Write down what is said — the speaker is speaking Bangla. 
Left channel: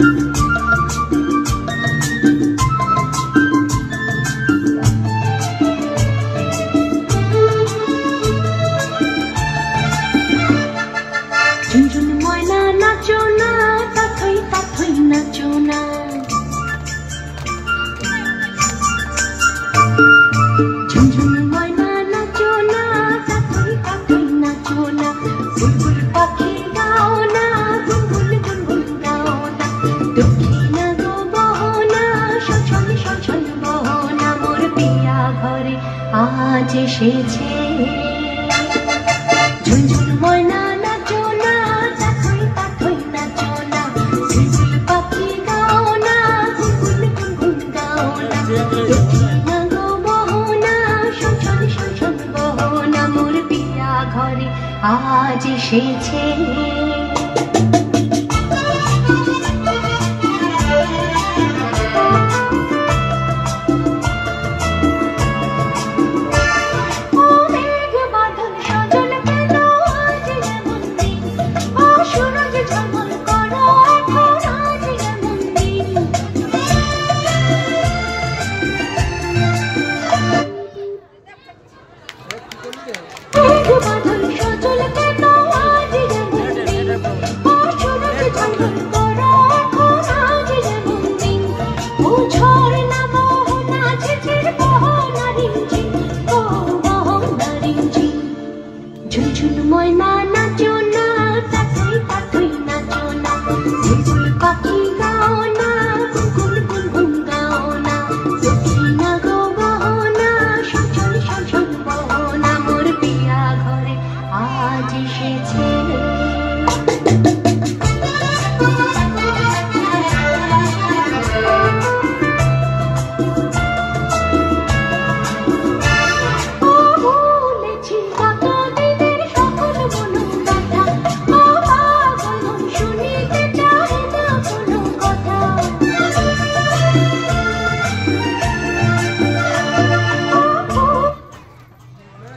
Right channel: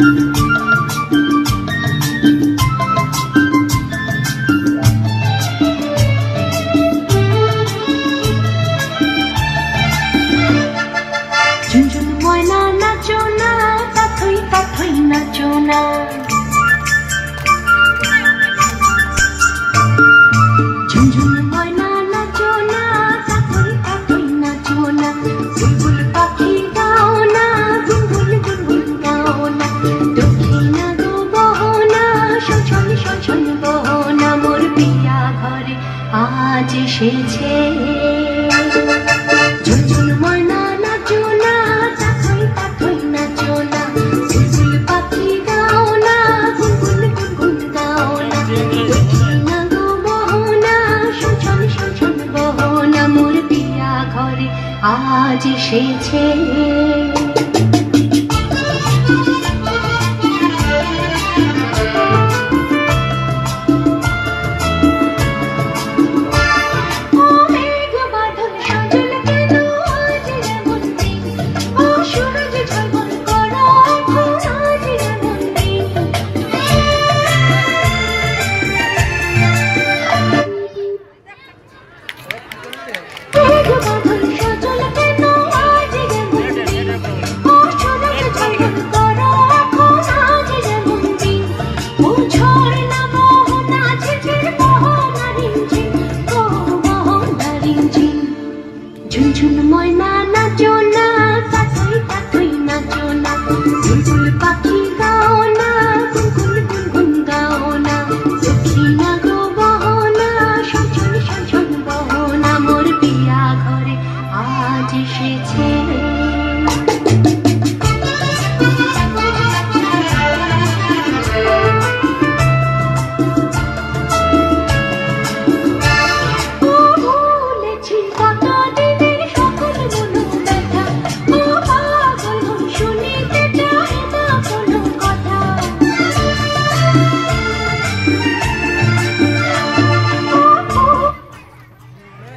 ঝুনঝুন ময়না নাচো না, তাথই তাথই নাচো না। ঝুনঝুন ময়না নাচো না, তাথই তাথই নাচো না। বুলবুল পাখি গাও না, গুনগুন গুনগুন গাও না। দক্ষিণা গো বহনা, সজল সজল বহনা। মোর পিয়া ঘরে আজ এসেছে। ঝুনঝুন ময়না নাচো না, তাথই তাথই নাচো না। বুলবুল পাখি গাও না, গুনগুন গুনগুন গাও না। দক্ষিণা গো বহনা, সজল সজল বহনা। মোর পিয়া ঘরে আজ এসেছে। ঝুনঝুন ময়না নাচো না, তাথই তাথই নাচো না। বুলবুল